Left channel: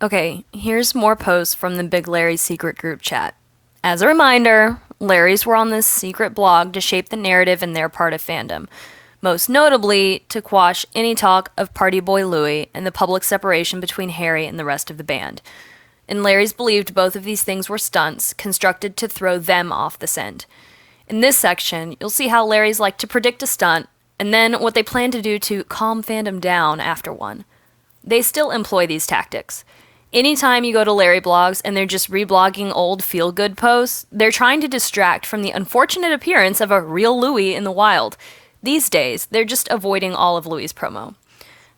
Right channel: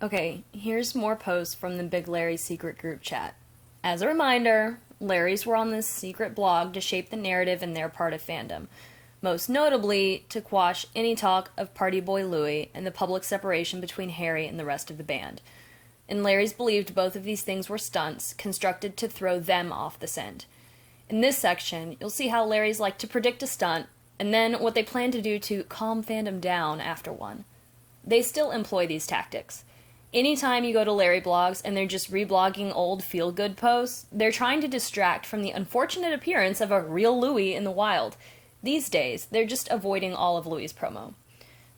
Okay, here's more posts from the Big Larry's secret group chat. As a reminder, Larrys were on this secret blog to shape the narrative in their part of fandom, most notably to quash any talk of Party Boy Louie and the public separation between Harry and the rest of the band. And Larry's believed both of these things were stunts constructed to throw them off the scent. In this section, you'll see how Larry's like to predict a stunt, and then what they plan to do to calm fandom down after one. They still employ these tactics. Anytime you go to Larrie Blogs and they're just reblogging old feel-good posts, they're trying to distract from the unfortunate appearance of a real Louis in the wild. These days, they're just avoiding all of Louis's promo.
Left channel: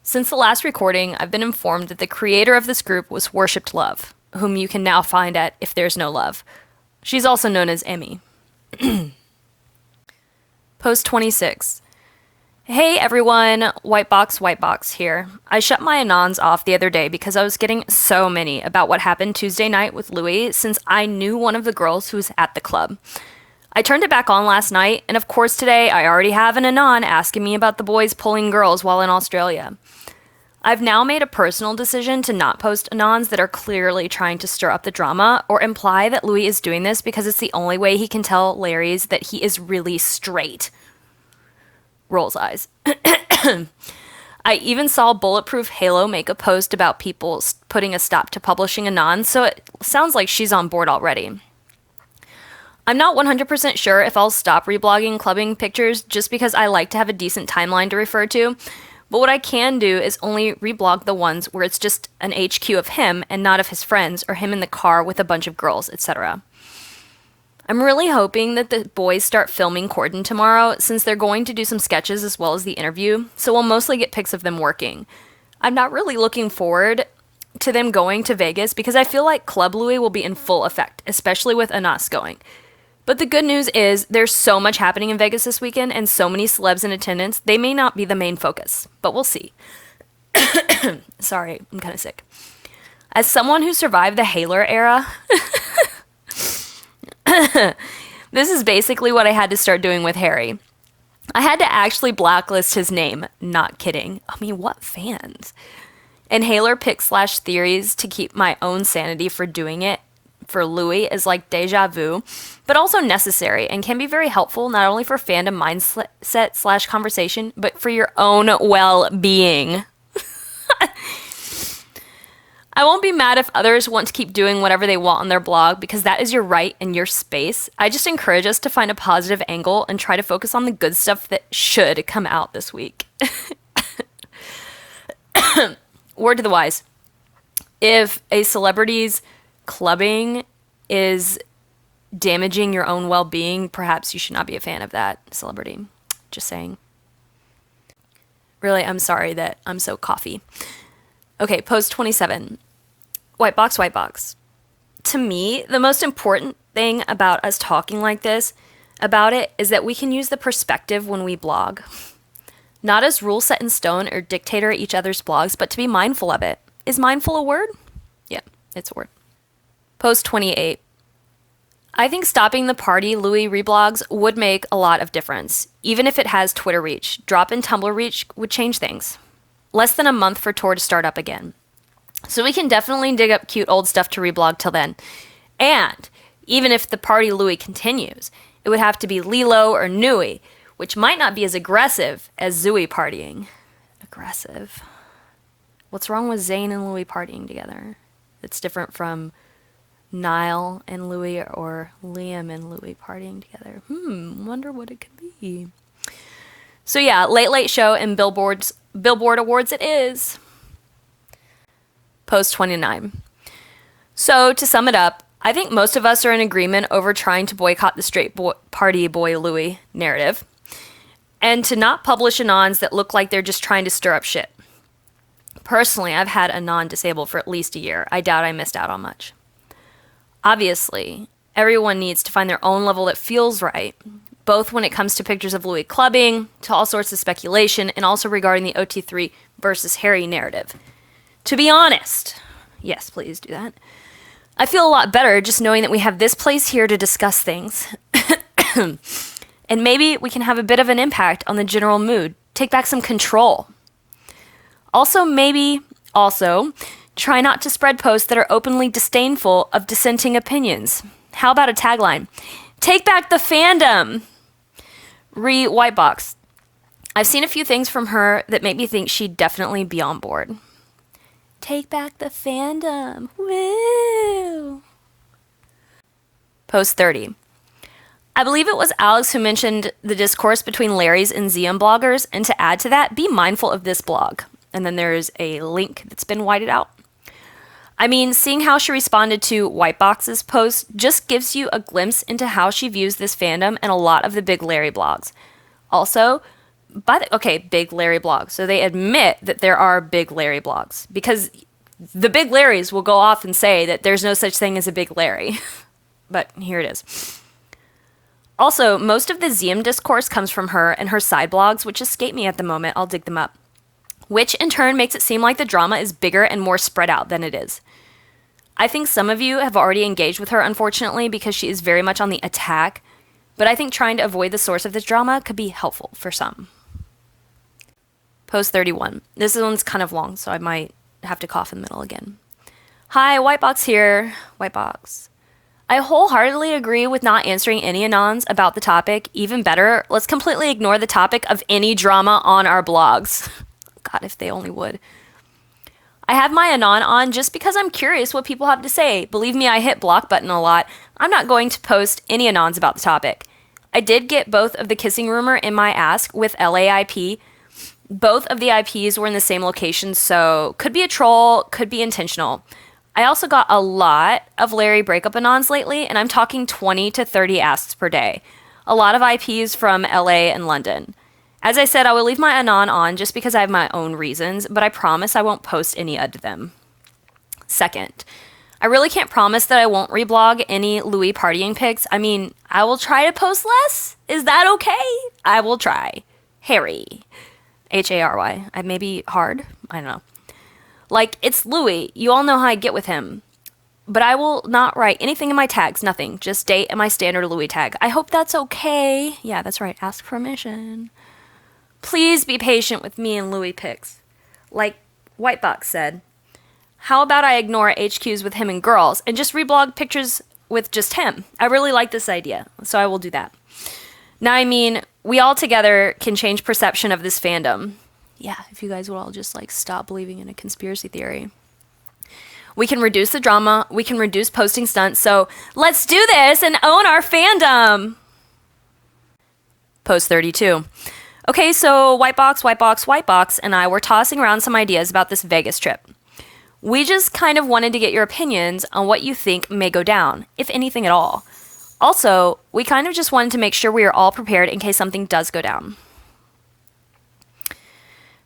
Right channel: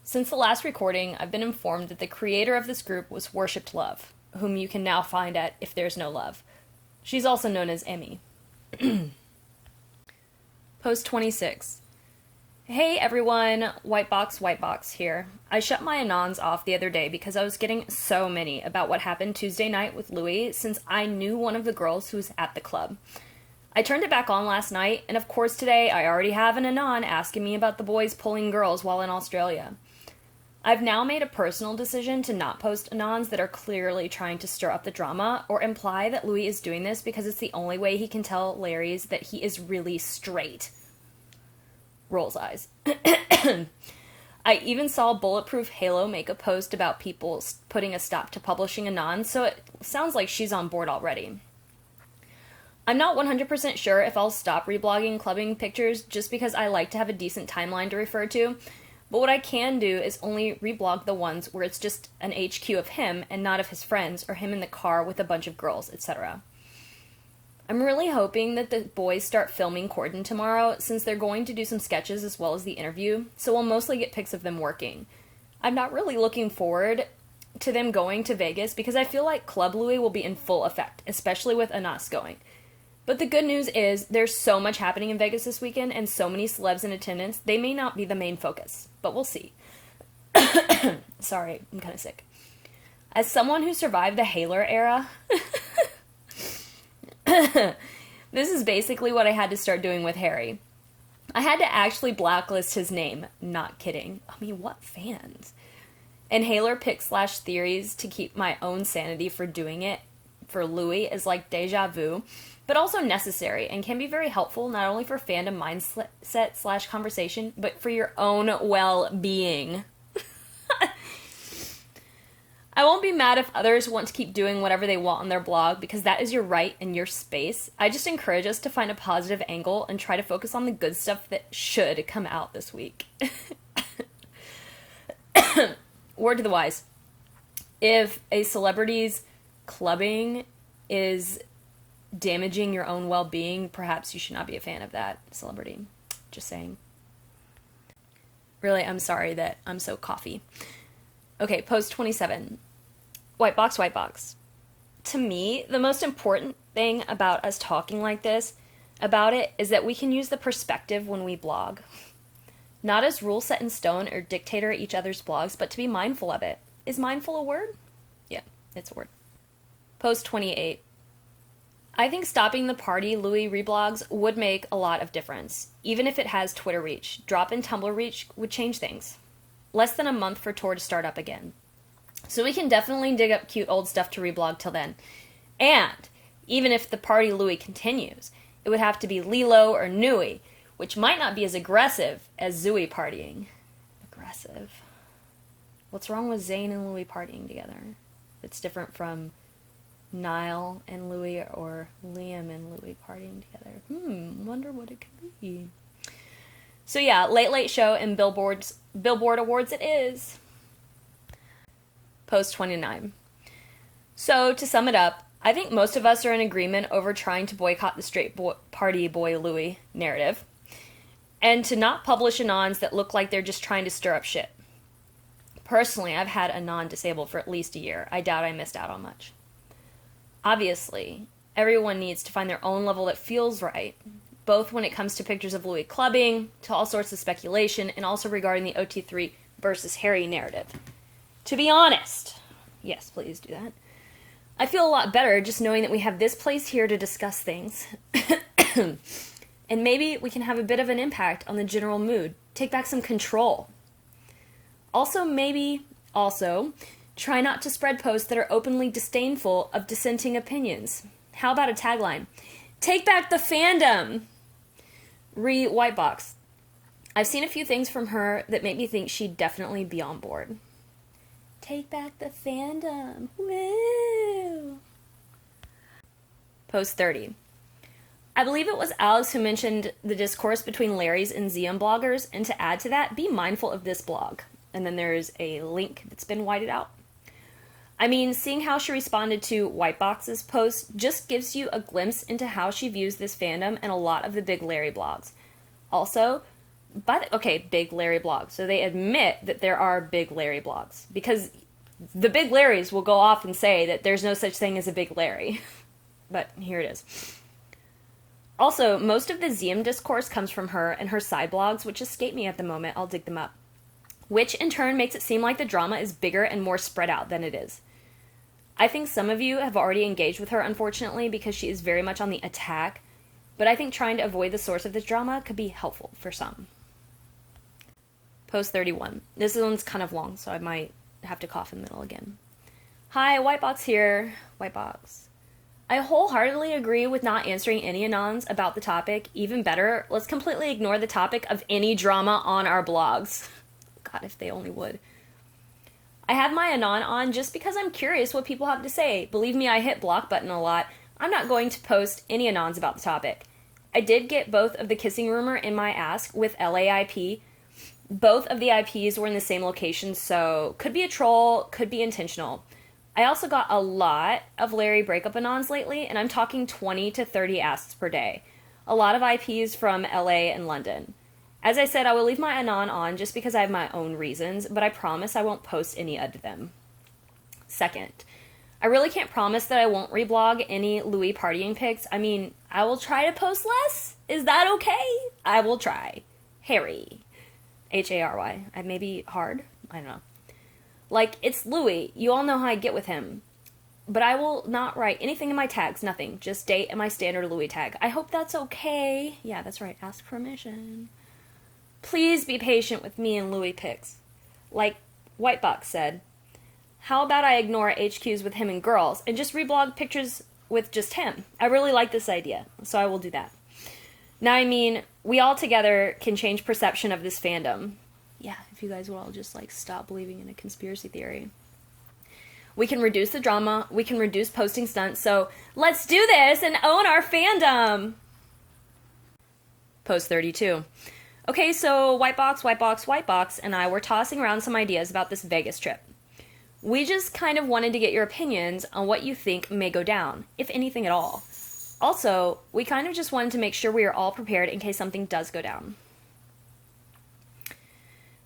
Since the last recording, I've been informed that the creator of this group was Worshipped Love, whom you can now find at If There's No Love. She's also known as Emmy. Post 26. Hey everyone, Whitebox here. I shut my Anons off the other day because I was getting so many about what happened Tuesday night with Louis since I knew one of the girls who was at the club. I turned it back on last night, and of course today I already have an Anon asking me about the boys pulling girls while in Australia. I've now made a personal decision to not post Anons that are clearly trying to stir up the drama or imply that Louis is doing this because it's the only way he can tell Larry's that he is really straight. Rolls eyes. I even saw Bulletproof Halo make a post about people putting a stop to publishing Anon, so it sounds like she's on board already. I'm not 100% sure if I'll stop reblogging clubbing pictures just because I like to have a decent timeline to refer to, but what I can do is only reblog the ones where it's just an HQ of him and not of his friends or him in the car with a bunch of girls, etc. I'm really hoping that the boys start filming Corden tomorrow since they're going to do some sketches as well as the interview, so we'll mostly get pics of them working. I'm not really looking forward to them going to Vegas because I feel like Club Louis will be in full effect, especially with Anas going. But the good news is there's so much happening in Vegas this weekend and so many celebs in attendance, they may not be the main focus, but we'll see. Sorry, I'm kind of sick. As someone who survived the Haler era, this is basically what I had to start doing with Harry. I had to actually blacklist his name. Not kidding. I mean, what fans? And Haler pick/theories to keep my own sanity for doing it for Louis is like deja vu, but also necessary and can be very helpful not only for fandom mindset/conversation, but for your own well-being. I won't be mad if others want to keep doing whatever they want on their blog because that is your right and your space. I just encourage us to find a positive angle and try to focus on the good stuff that should come out this week. Word to the wise. If a celebrity's clubbing is damaging your own well-being, perhaps you should not be a fan of that celebrity. Just saying. Really, I'm sorry that I'm so coffee. Okay, post 27. Whitebox. To me, the most important thing about us talking like this about it is that we can use the perspective when we blog. Not as rule set in stone or dictator each other's blogs, but to be mindful of it. Is mindful a word? Yeah, it's a word. Post 28. I think stopping the Party Louis reblogs would make a lot of difference. Even if it has Twitter reach, drop in Tumblr reach would change things. Less than a month for tour to start up again. So we can definitely dig up cute old stuff to reblog till then. And even if the Party Louis continues, it would have to be Lilo or Nui, which might not be as aggressive as Zooey partying. Aggressive. What's wrong with Zayn and Louis partying together? It's different from Niall and Louis or Liam and Louis partying together. Wonder what it could be. So yeah, Late Late Show and Billboard Awards it is. Post 29. So to sum it up, I think most of us are in agreement over trying to boycott the straight Party Boy Louis narrative and to not publish Anons that look like they're just trying to stir up shit. Personally, I've had Anon disabled for at least a year. I doubt I missed out on much. Obviously, everyone needs to find their own level that feels right, both when it comes to pictures of Louis clubbing, to all sorts of speculation, and also regarding the OT3 versus Harry narrative. To be honest, yes, please do that. I feel a lot better just knowing that we have this place here to discuss things. And maybe we can have a bit of an impact on the general mood, take back some control. Also, Try not to spread posts that are openly disdainful of dissenting opinions. How about a tagline? Take back the fandom! Whitebox. I've seen a few things from her that make me think she'd definitely be on board. Take back the fandom. Woo! Post 30. I believe it was Alex who mentioned the discourse between Larries and ZM bloggers, and to add to that, be mindful of this blog. And then there's a link that's been whited out. I mean, seeing how she responded to Whitebox's post just gives you a glimpse into how she views this fandom and a lot of the big Larry blogs. Also, big Larry blogs. So they admit that there are big Larry blogs, because the big Larrys will go off and say that there's no such thing as a big Larry. But here it is. Also, most of the ZM discourse comes from her and her side blogs, which escape me at the moment. I'll dig them up. Which in turn makes it seem like the drama is bigger and more spread out than it is. I think some of you have already engaged with her, unfortunately, because she is very much on the attack, but I think trying to avoid the source of this drama could be helpful for some. Post 31. This one's kind of long, so I might have to cough in the middle again. Hi, Whitebox here. Whitebox. I wholeheartedly agree with not answering any anons about the topic. Even better, let's completely ignore the topic of any drama on our blogs. God, if they only would. I have my anon on just because I'm curious what people have to say. Believe me, I hit block button a lot. I'm not going to post any anons about the topic. I did get both of the kissing rumor in my ask with LAIP. Both of the IPs were in the same location, so could be a troll, could be intentional. I also got a lot of Larry breakup anons lately, and I'm talking 20 to 30 asks per day. A lot of IPs from LA and London. As I said, I will leave my anon on just because I have my own reasons, but I promise I won't post any of them. Second, I really can't promise that I won't reblog any Louis partying pics. I mean, I will try to post less. Is that okay? I will try. Harry. H-A-R-Y. I may be hard. I don't know. Like, it's Louis. You all know how I get with him. But I will not write anything in my tags. Nothing. Just date and my standard Louis tag. I hope that's okay. Yeah, that's right. Ask permission. Please be patient with me and Louis pics. Like Whitebox said, how about I ignore HQs with him and girls and just reblog pictures with just him? I really like this idea, so I will do that. Now, I mean, we all together can change perception of this fandom. Yeah, if you guys would all just like stop believing in a conspiracy theory. We can reduce the drama, we can reduce posting stunts, so let's do this and own our fandom. Post 32. Okay, so Whitebox, and I were tossing around some ideas about this Vegas trip. We just kind of wanted to get your opinions on what you think may go down, if anything at all. Also, we kind of just wanted to make sure we are all prepared in case something does go down.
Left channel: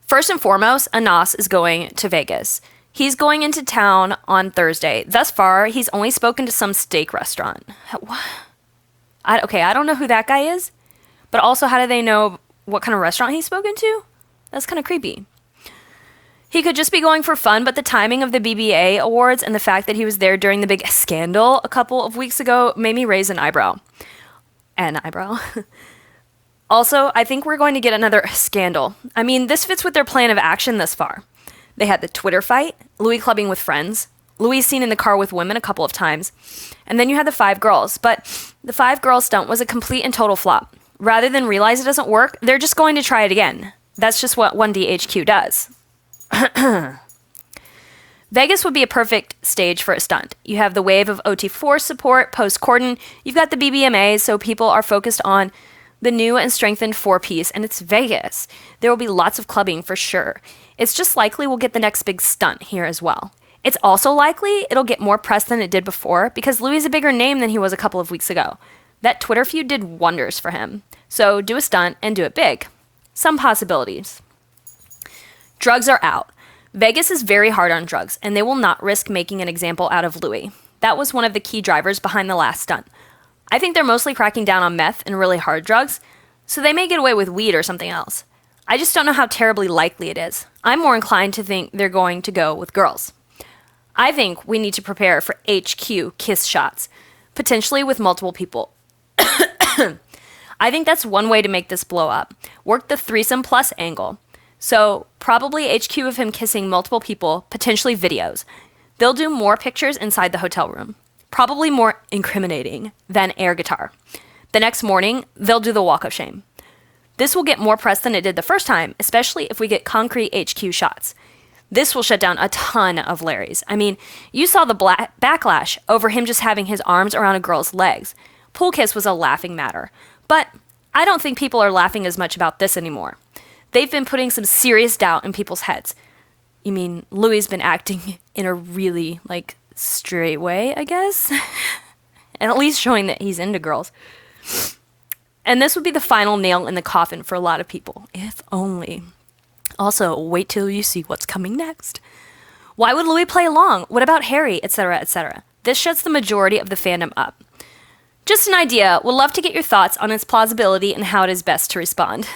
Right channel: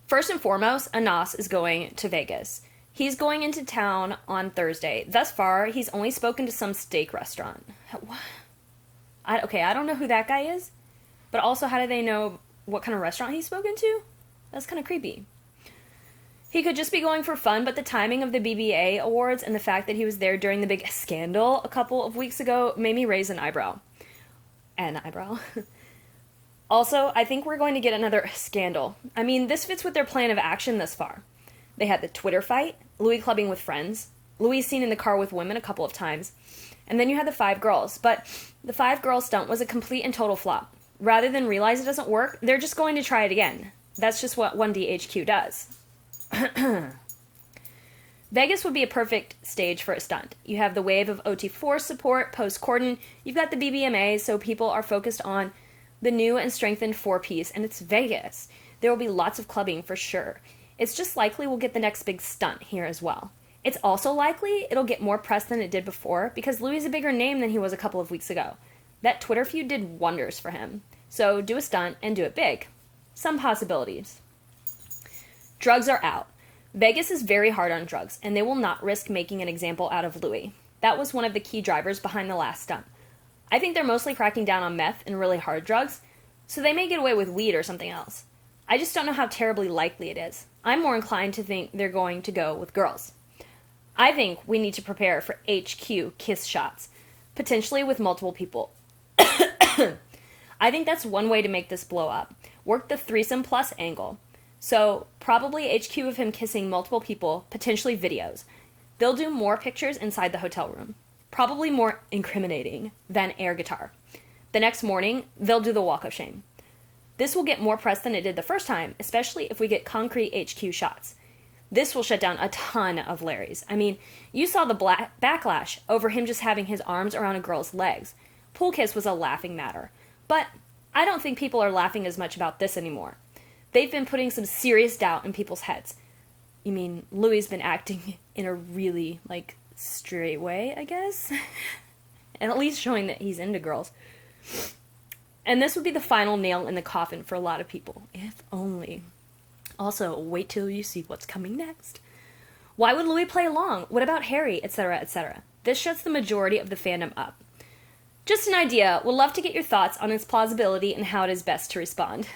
First and foremost, Anas is going to Vegas. He's going into town on Thursday. Thus far, he's only spoken to some steak restaurant. What? I don't know who that guy is, but also how do they know what kind of restaurant he's spoken to? That's kind of creepy. He could just be going for fun, but the timing of the BBA awards and the fact that he was there during the big scandal a couple of weeks ago made me raise an eyebrow. An eyebrow. Also, I think we're going to get another scandal. I mean, this fits with their plan of action thus far. They had the Twitter fight, Louis clubbing with friends, Louis seen in the car with women a couple of times, and then you had the 5 girls. But the 5 girls stunt was a complete and total flop. Rather than realize it doesn't work, they're just going to try it again. That's just what 1DHQ does. Vegas would be a perfect stage for a stunt. You have the wave of OT4 support post-Corden. You've got the BBMA, so people are focused on the new and strengthened 4-piece, and it's Vegas. There will be lots of clubbing for sure. It's just likely we'll get the next big stunt here as well. It's also likely it'll get more press than it did before because Louis is a bigger name than he was a couple of weeks ago. That Twitter feud did wonders for him. So do a stunt and do it big. Some possibilities. Drugs are out. Vegas is very hard on drugs, and they will not risk making an example out of Louis. That was one of the key drivers behind the last stunt. I think they're mostly cracking down on meth and really hard drugs, so they may get away with weed or something else. I just don't know how terribly likely it is. I'm more inclined to think they're going to go with girls. I think we need to prepare for HQ kiss shots, potentially with multiple people. I think that's one way to make this blow up. Work the threesome plus angle. So probably HQ of him kissing multiple people, potentially videos. They'll do more pictures inside the hotel room, probably more incriminating than air guitar. The next morning, they'll do the walk of shame. This will get more press than it did the first time, especially if we get concrete HQ shots. This will shut down a ton of Larrys. I mean, you saw the backlash over him just having his arms around a girl's legs. Pool kiss was a laughing matter. But I don't think people are laughing as much about this anymore. They've been putting some serious doubt in people's heads. You mean, Louis been acting in a really, straight way, I guess? And at least showing that he's into girls. And this would be the final nail in the coffin for a lot of people, if only. Also, wait till you see what's coming next. Why would Louis play along? What about Harry? Etc., etc. This shuts the majority of the fandom up. Just an idea. Would love to get your thoughts on its plausibility and how it is best to respond.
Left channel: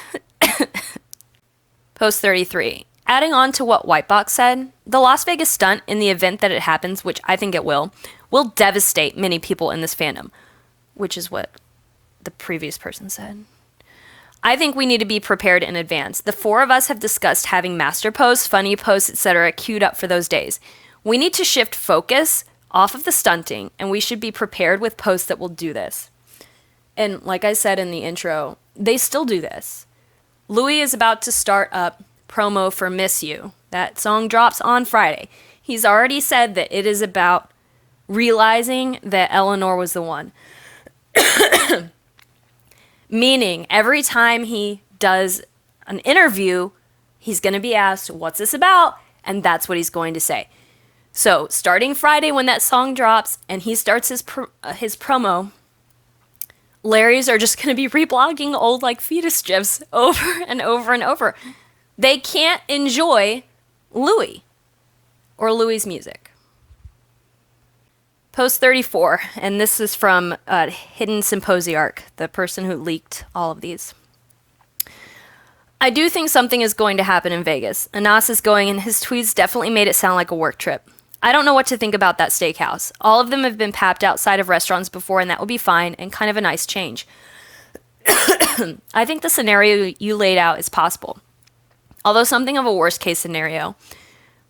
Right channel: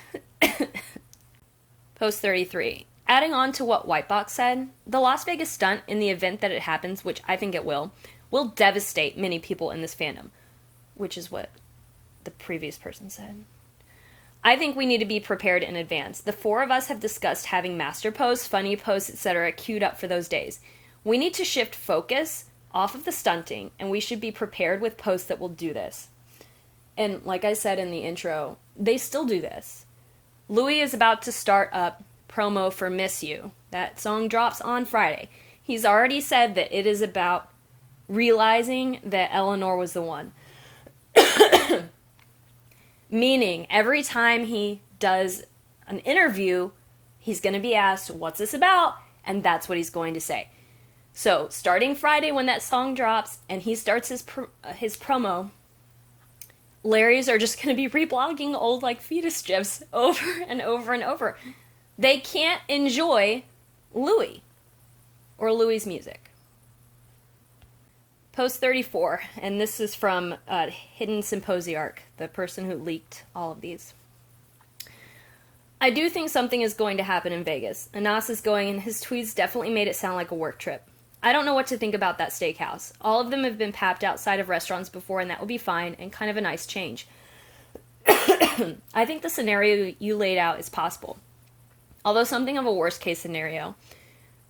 Post 33. Adding on to what Whitebox said, the Las Vegas stunt, in the event that it happens, which I think it will devastate many people in this fandom, which is what the previous person said. I think we need to be prepared in advance. The four of us have discussed having master posts, funny posts, etc. queued up for those days. We need to shift focus off of the stunting, and we should be prepared with posts that will do this. And like I said in the intro, they still do this. Louis is about to start up promo for Miss You. That song drops on Friday. He's already said that it is about realizing that Eleanor was the one. Meaning, every time he does an interview, he's going to be asked, what's this about? And that's what he's going to say. So, starting Friday when that song drops and he starts his promo, Larrys are just going to be reblogging old, fetus gifs over and over and over. They can't enjoy Louis or Louis' music. Post 34, and this is from Hidden Symposiarch, the person who leaked all of these. I do think something is going to happen in Vegas. Anas is going, and his tweets definitely made it sound like a work trip. I don't know what to think about that steakhouse. All of them have been papped outside of restaurants before, and that would be fine and kind of a nice change. I think the scenario you laid out is possible, although something of a worst case scenario.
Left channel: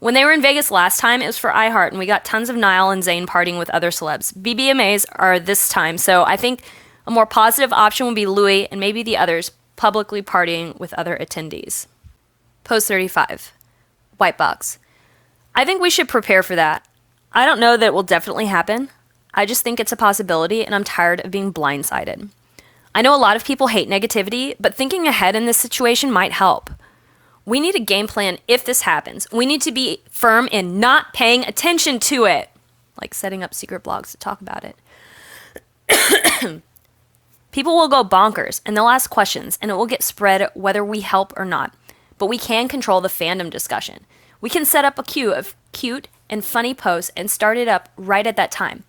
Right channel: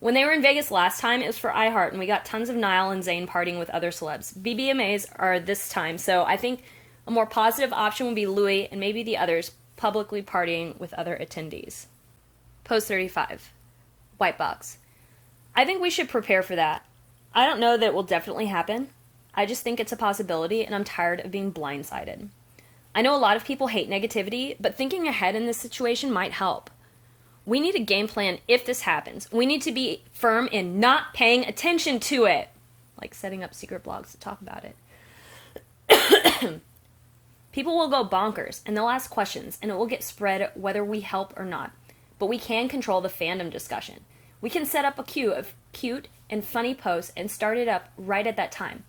When they were in Vegas last time, it was for iHeart, and we got tons of Niall and Zayn partying with other celebs. BBMAs are this time, so I think a more positive option would be Louis and maybe the others publicly partying with other attendees. Post 35. Whitebox. I think we should prepare for that. I don't know that it will definitely happen. I just think it's a possibility, and I'm tired of being blindsided. I know a lot of people hate negativity, but thinking ahead in this situation might help. We need a game plan if this happens. We need to be firm in not paying attention to it. Like setting up secret blogs to talk about it. People will go bonkers, and they'll ask questions, and it will get spread whether we help or not. But we can control the fandom discussion. We can set up a queue of cute and funny posts and start it up right at that time.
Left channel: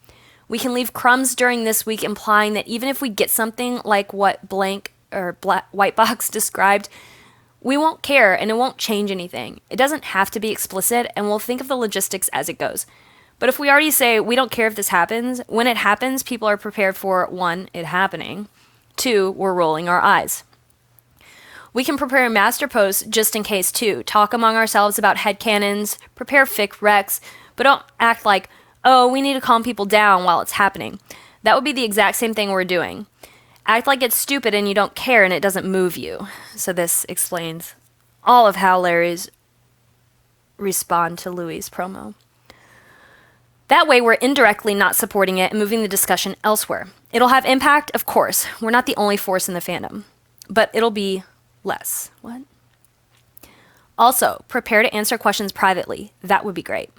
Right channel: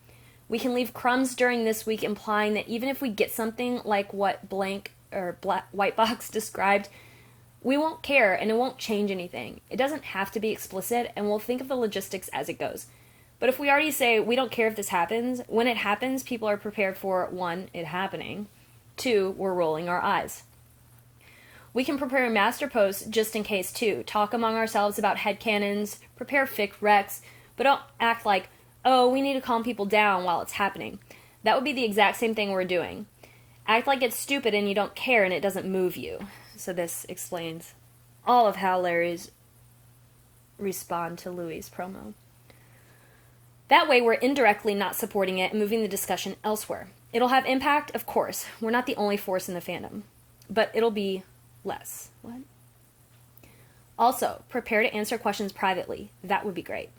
We can leave crumbs during this week, implying that even if we get something like what Whitebox described, we won't care and it won't change anything. It doesn't have to be explicit, and we'll think of the logistics as it goes. But if we already say we don't care if this happens, when it happens, people are prepared for 1, it happening, 2, we're rolling our eyes. We can prepare a master post just in case too, talk among ourselves about headcanons, prepare fic recs, but don't act like, oh, we need to calm people down while it's happening. That would be the exact same thing we're doing. Act like it's stupid and you don't care and it doesn't move you. So this explains all of how Larry's respond to Louis' promo. That way we're indirectly not supporting it and moving the discussion elsewhere. It'll have impact, of course. We're not the only force in the fandom. But it'll be less. What? Also, prepare to answer questions privately. That would be great.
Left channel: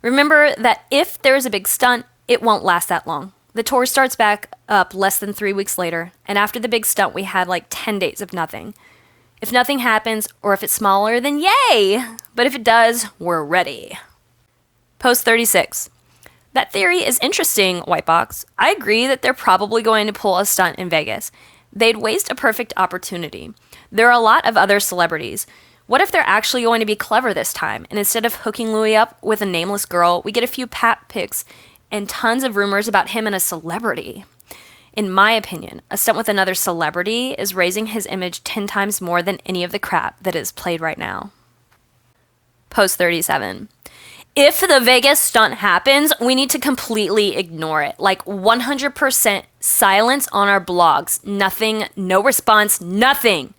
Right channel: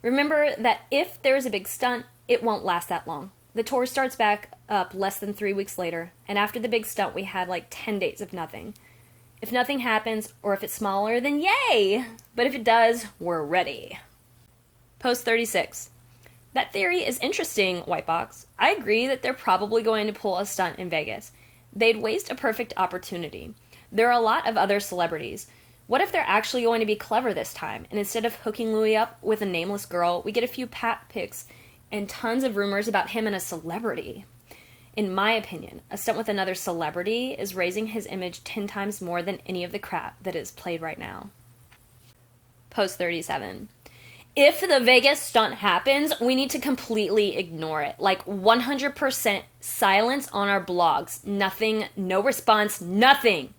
Remember that if there's a big stunt, it won't last that long. The tour starts back up less than 3 weeks later, and after the big stunt, we had 10 days of nothing. If nothing happens, or if it's smaller, then yay! But if it does, we're ready. Post 36. That theory is interesting, Whitebox. I agree that they're probably going to pull a stunt in Vegas. They'd waste a perfect opportunity. There are a lot of other celebrities. What if they're actually going to be clever this time, and instead of hooking Louis up with a nameless girl, we get a few pap pics and tons of rumors about him and a celebrity? In my opinion, a stunt with another celebrity is raising his image 10 times more than any of the crap that is played right now. Post 37. If the Vegas stunt happens, we need to completely ignore it. Like 100% silence on our blogs. Nothing, no response, nothing.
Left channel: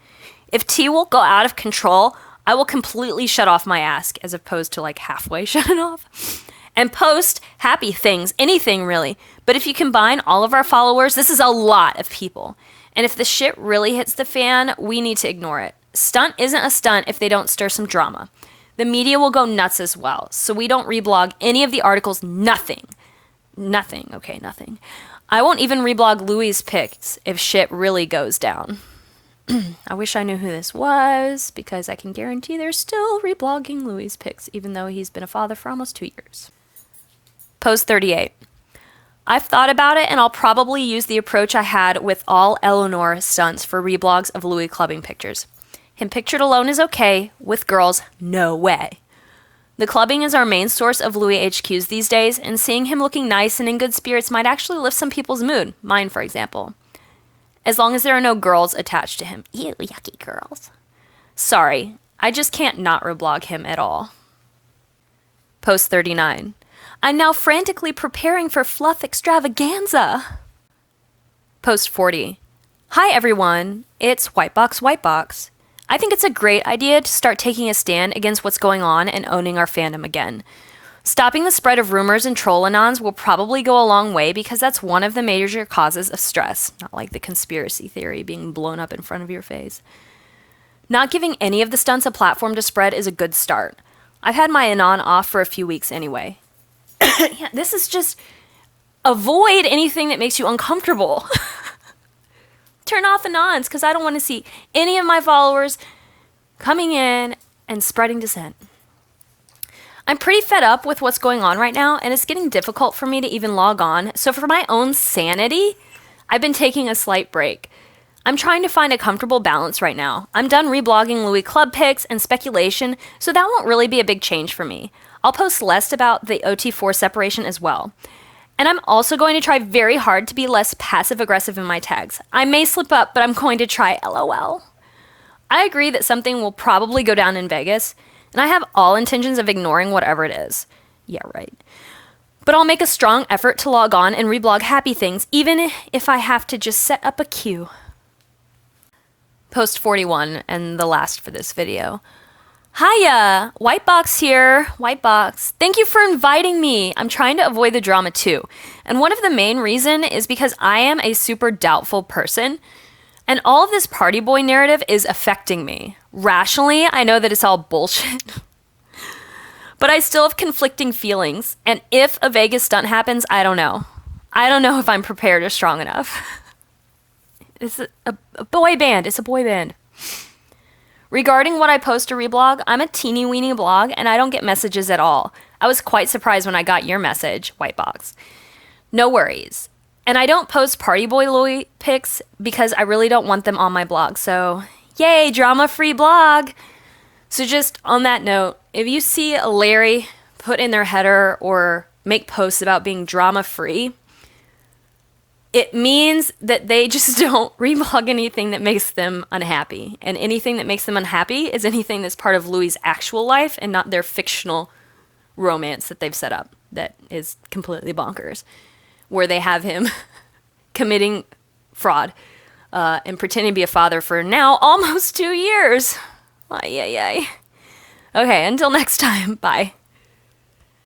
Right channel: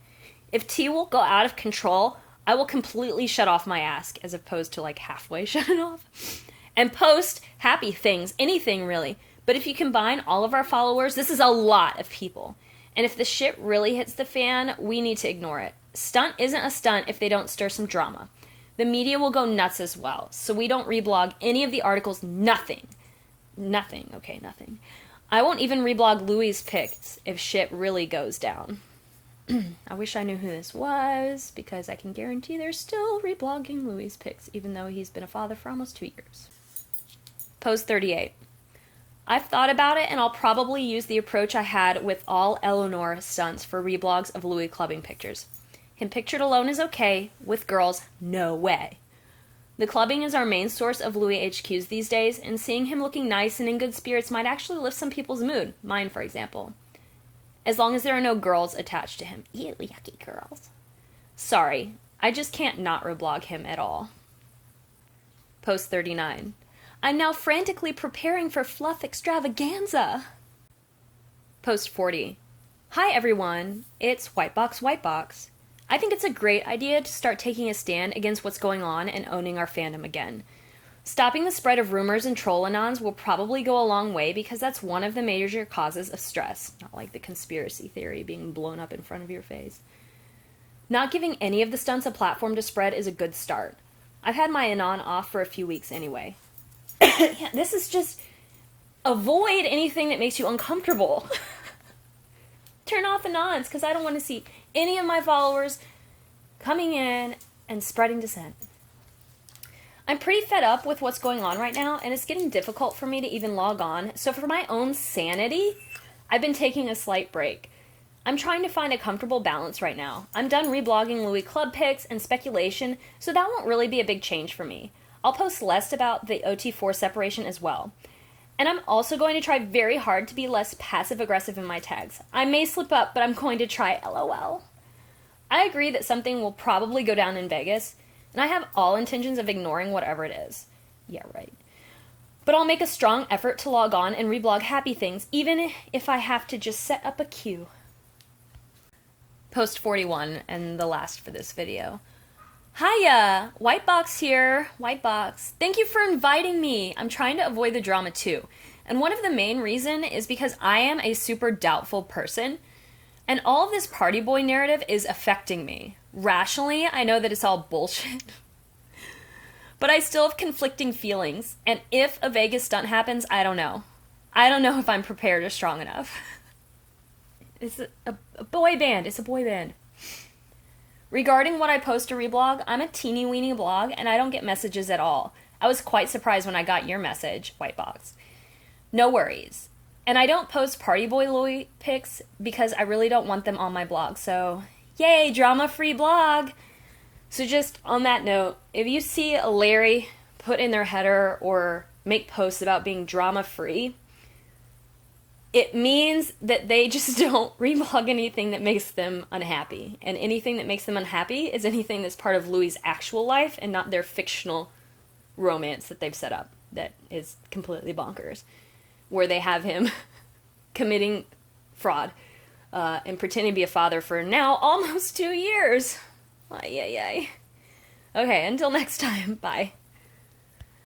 If T will go out of control, I will completely shut off my ask as opposed to like halfway shut it off. And post happy things, anything really. But if you combine all of our followers, this is a lot of people. And if the shit really hits the fan, we need to ignore it. Stunt isn't a stunt if they don't stir some drama. The media will go nuts as well, so we don't reblog any of the articles, nothing. Nothing, okay, nothing. I won't even reblog Louis' pics if shit really goes down. I wish I knew who this was, because I can guarantee they're still reblogging Louis' pics, even though he's been a father for almost 2 years. Post 38. I've thought about it, and I'll probably use the approach I had with all Eleanor stunts for reblogs of Louis clubbing pictures. Him pictured alone is okay, with girls, no way. The clubbing is our main source of Louis HQs these days, and seeing him looking nice and in good spirits might actually lift some people's mood, mine for example. As long as there are no girls attached to him. Ew, yucky girls. Sorry, I just can't not reblog him at all. Post 39. I'm now frantically preparing for fluff extravaganza. Post 40. Hi everyone, it's Whitebox. I think it's a great idea to start taking a stand against what's going on and owning our fandom again. Stopping the spread of rumors and troll-anons will probably go a long way because that's one of the major causes of stress, not like the conspiracy theory being blown up in front of your face. Not giving any of the stunts a platform to spread is a good start. I've had my anon off for a few weeks anyway. Yeah, this is just avoid anything that makes you uncomfortable. Turn off anons because I don't want to see any of my followers coming in and spreading dissent. I'm pretty fed up with what's going on right now, and it's getting difficult for me to even log on. So for my own sanity, I've been taking a slight break. I'm trying to find a comfortable balance right now. I'm done reblogging Louis Club pics and speculation, so that won't really be a big change for me. I'll post less about the OT4 separation as well. And I'm also going to try very hard to be less passive-aggressive in my tags. I may slip up, but I'm going to try LOL. I agree that something will probably go down in Vegas, and I have all intentions of ignoring whatever it is. Yeah, right. But I'll make a strong effort to log on and reblog happy things, even if I have to just set up a queue. Post 41, and the last for this video. Hiya! Whitebox here. Whitebox. Thank you for inviting me. I'm trying to avoid the drama too. And one of the main reason is because I am a super doubtful person. And all of this party boy narrative is affecting me. Rationally, I know that it's all bullshit. But I still have conflicting feelings. And if a Vegas stunt happens, I don't know. I don't know if I'm prepared or strong enough. It's a boy band. It's a boy band. Regarding what I post to reblog, I'm a teeny weeny blog and I don't get messages at all. I was quite surprised when I got your message, Whitebox. No worries. And I don't post Party Boy Louis pics because I really don't want them on my blog. So, yay, drama-free blog. So just on that note, if you see a Larry put in their header or make posts about being drama-free, it means that they just don't reblog anything that makes them unhappy. And anything that makes them unhappy is anything that's part of Louis' actual life and not their fictional romance that they've set up that is completely bonkers, where they have him committing fraud and pretending to be a father for now almost 2 years. Ay, ay, ay. Okay, until next time, bye.